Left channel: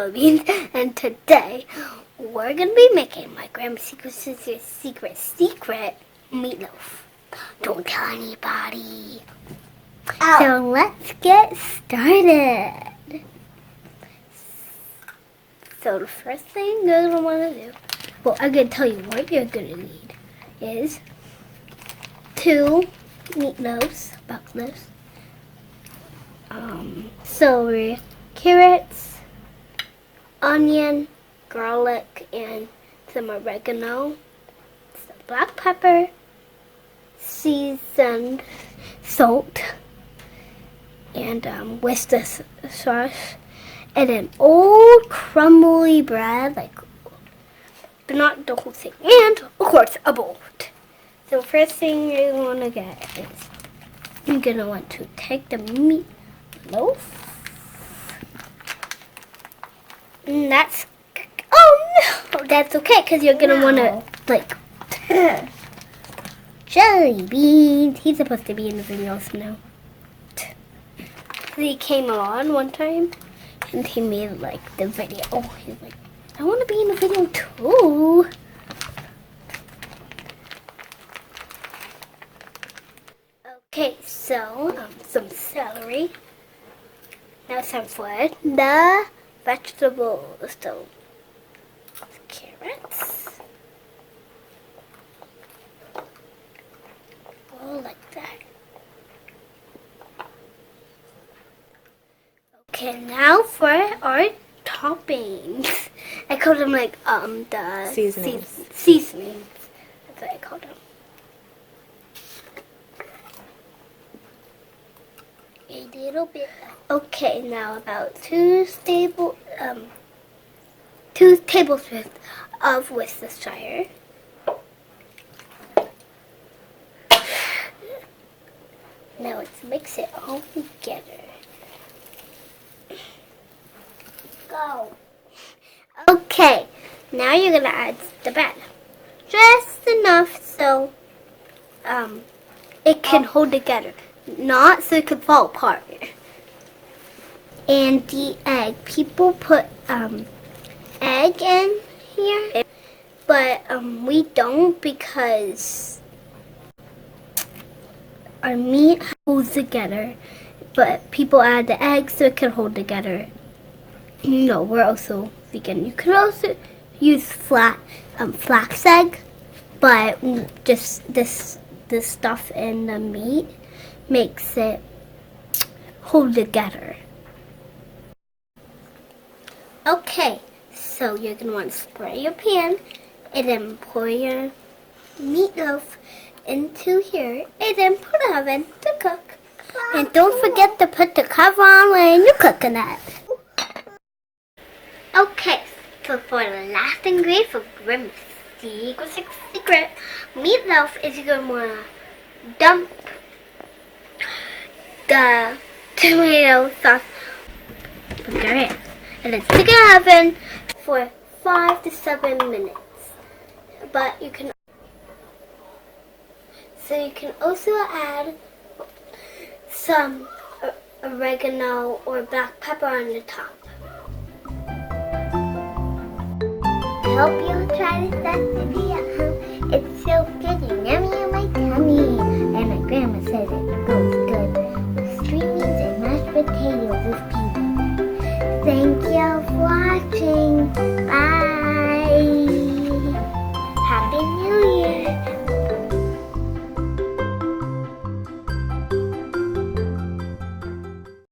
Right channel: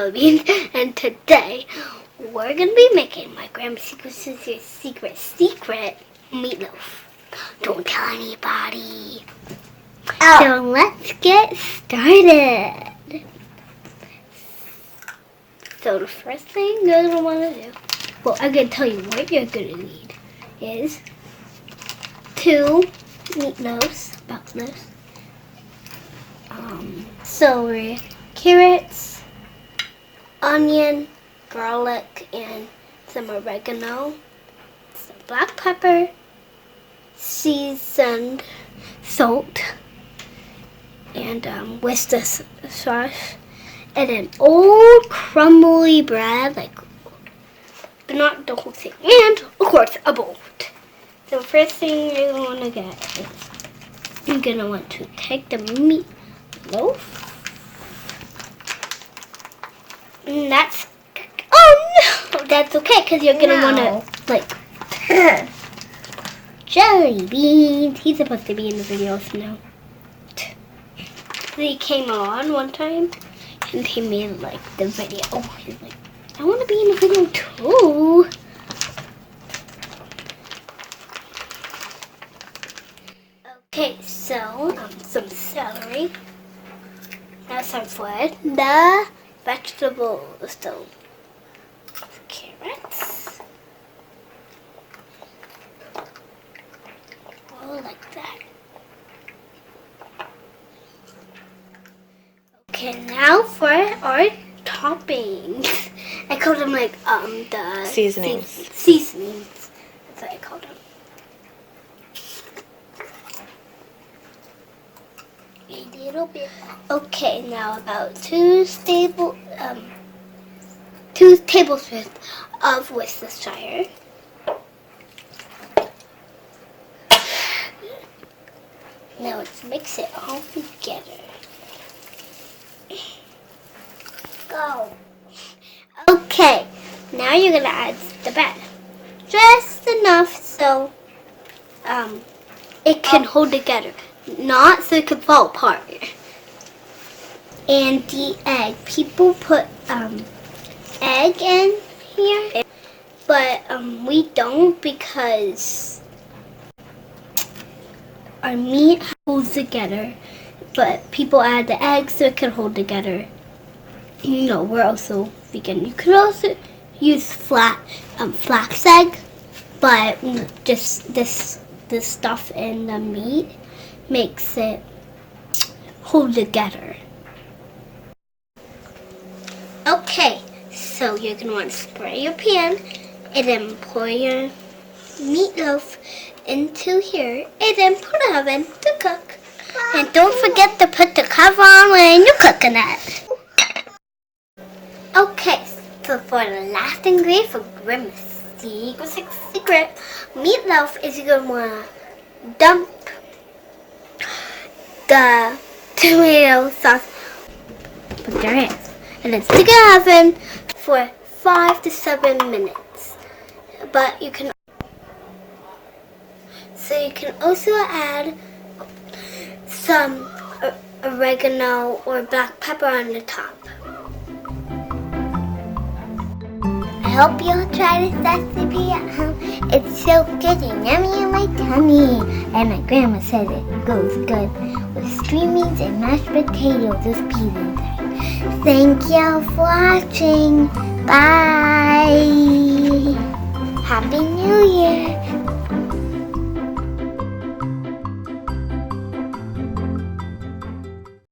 ButterBeanz, and today we're gonna be making my grandma's secret meatloaf. Don't tell anybody. Ow. So let's get started. So the first thing you're gonna want to do, well, I'm gonna tell you what you're gonna need is 2 meatloaves, about this. Celery, carrots, onion, garlic, and some oregano, some black pepper, seasoned salt, and Worcester sauce, and an old crumbly bread, but not the whole thing, and of course a bowl. So first thing you're gonna want to get is you're gonna want to take the meatloaf. And that's that's okay because you're gonna want to jelly beans. He's supposed to be in the videos now. He came on one time and he made the video. He's like, I want to be in the video too. Okay, so some celery. Now some for the vegetables. So carrots. Oh, like that. Okay, now for our toppings. I called them the seasonings. Seasonings. That's what I called them. A little bit. Okay, now about 2 tablespoons of Worcestershire. Now let's mix it all together. Go. Okay, now you're gonna add the bread. Just enough so it can hold together. Not so it can fall apart. And the egg. People put egg in here, but we don't because our meat holds together. But people add the egg so it can hold together. You know, we're also vegan. You could also use flax egg, but just this stuff in the meat makes it hold together. Okay, so you're going to want to spray your pan and then pour your meatloaf into here and then put the oven to cook. And don't forget to put the cover on when you're cooking it. Okay, so for the last ingredient for Grandma's secret meatloaf is you're going to want to dump the tomato sauce and then stick it in the oven for 5 to 7 minutes. But you can also add some oregano or black pepper on the top. I hope you'll try this recipe at home. It's so good and yummy in my tummy. And my grandma says it goes good with stringings and mashed potatoes with pizza time. Thank you for watching. Bye. Happy New Year.